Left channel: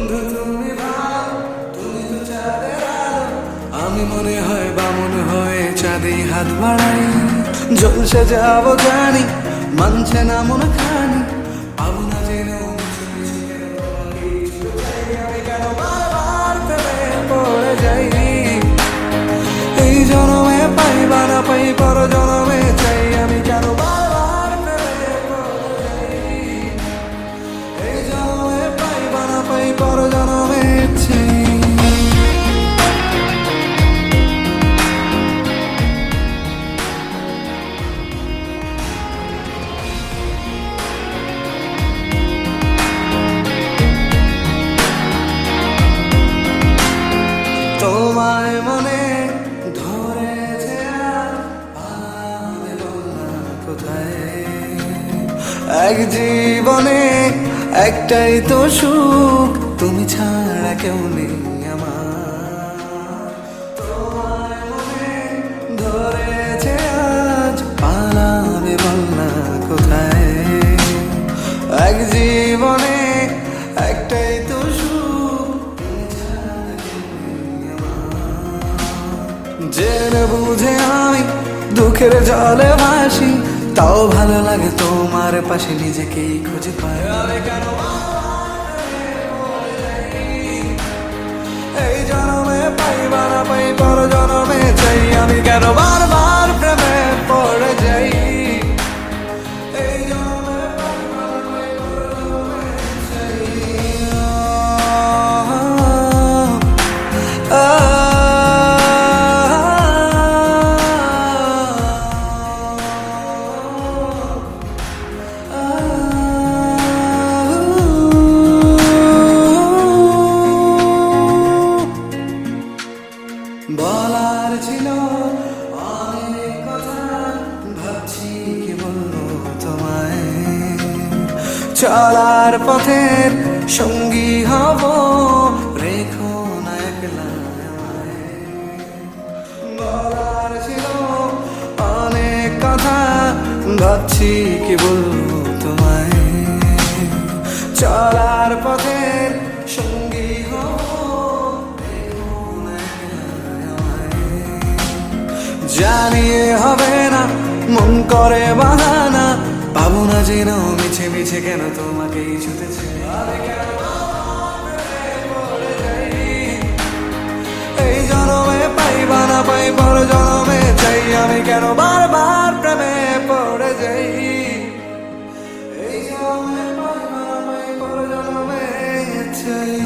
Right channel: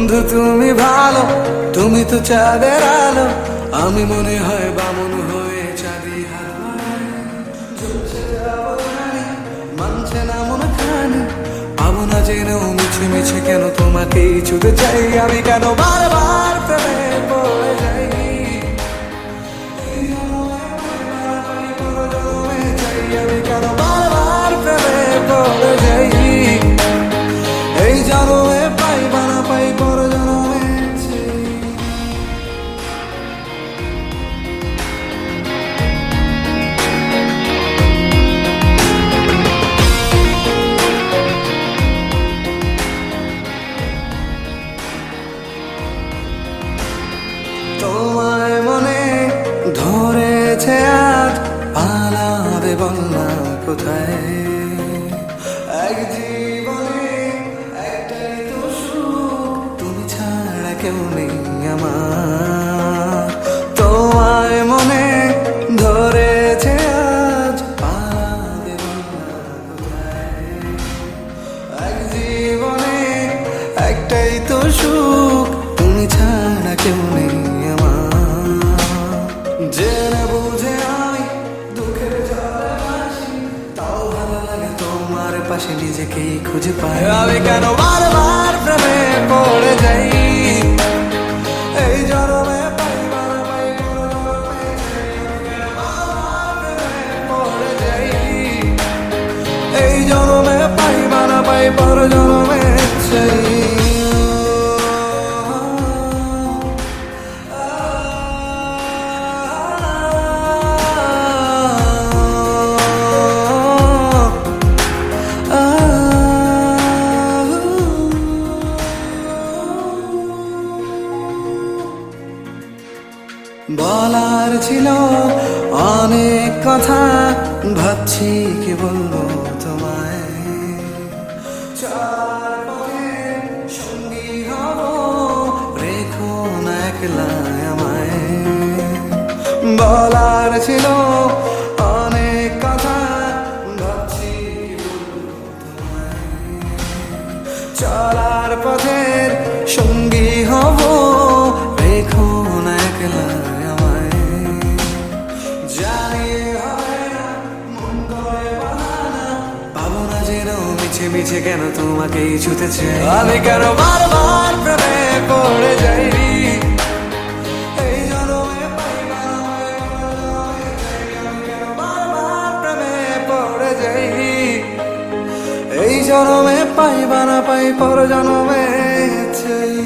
বন্ধু তুমি ভালো, তুমি তো চাঁদের আলো। আমি মনে হয় বামন হয়ে চাঁদে হাত বাড়াই। জলসে যাবো জানি, মানছে না মন খানি। পাবো না জেনেও মিছে মিছে কেন তোমাকে ছুতে চাই। আমি কেন বারবার প্রেমে পড়ে যাই। এই জনমে পাই বা না পাই, পর জনমে চাই। আমি কেন বারবার প্রেমে পড়ে যাই। এই জনমে পাই বা না পাই, পর জনমে চাই। তোমায় মনে ধরেছে আজ, পালাবে বলনা কোথায়। এক জীবনে একটাই তো সুখ, তুমি ছাড়া কেউ নেই আমার। তোমায় মনে ধরেছে আজ, পালাবে বলনা কোথায়। এক জীবনে একটাই তো সুখ, তুমি ছাড়া কেউ নেই আমার। জেনে বুঝে আমি দুঃখের জলে ভাসি, তাও ভালো লাগে তোমার পাশে নিজেকেই খুঁজে পাই। আমি কেন বারবার প্রেমে পড়ে যাই। এই জনমে পাই বা না পাই, পর জনমে চাই। আমি কেন বারবার প্রেমে পড়ে যাই। এই জনমে পাই বা না পাই, পর জনমে চাই। বলার ছিল অনেক কথা, ভাবছি কি বলবো তোমায়। চলার পথের সঙ্গী হব, রেখো না একলা আমায়। বলার ছিল অনেক কথা, ভাবছি কি বলবো তোমায়। চলার পথের সঙ্গী হব, রেখো না একলা আমায়। জানিয়ে হবে না, মন করে বাহানা। পাবো না জেনেও মিছে মিছে কেন তোমাকেই ছুতেছে। আমি কেন বারবার প্রেমে পড়ে যাই। এই জনমে পাই বা না পাই, পর জনমে চাই। আমি কেন বারবার প্রেমে পড়ে যাই। এই জনমে পাই বা না পাই, পর জনমে চাই।